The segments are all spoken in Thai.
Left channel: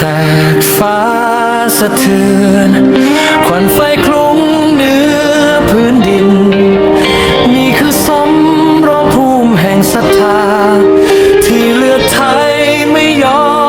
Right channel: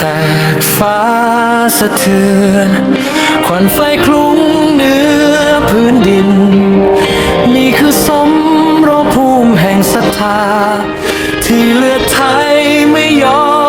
แตกฟ้าสะเทือน ควันไฟคลุ้งเหนือพื้นดิน นี่คือสมรภูมิแห่งศรัทธา ที่เลือดไทยไม่ยอม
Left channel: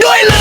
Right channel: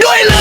doing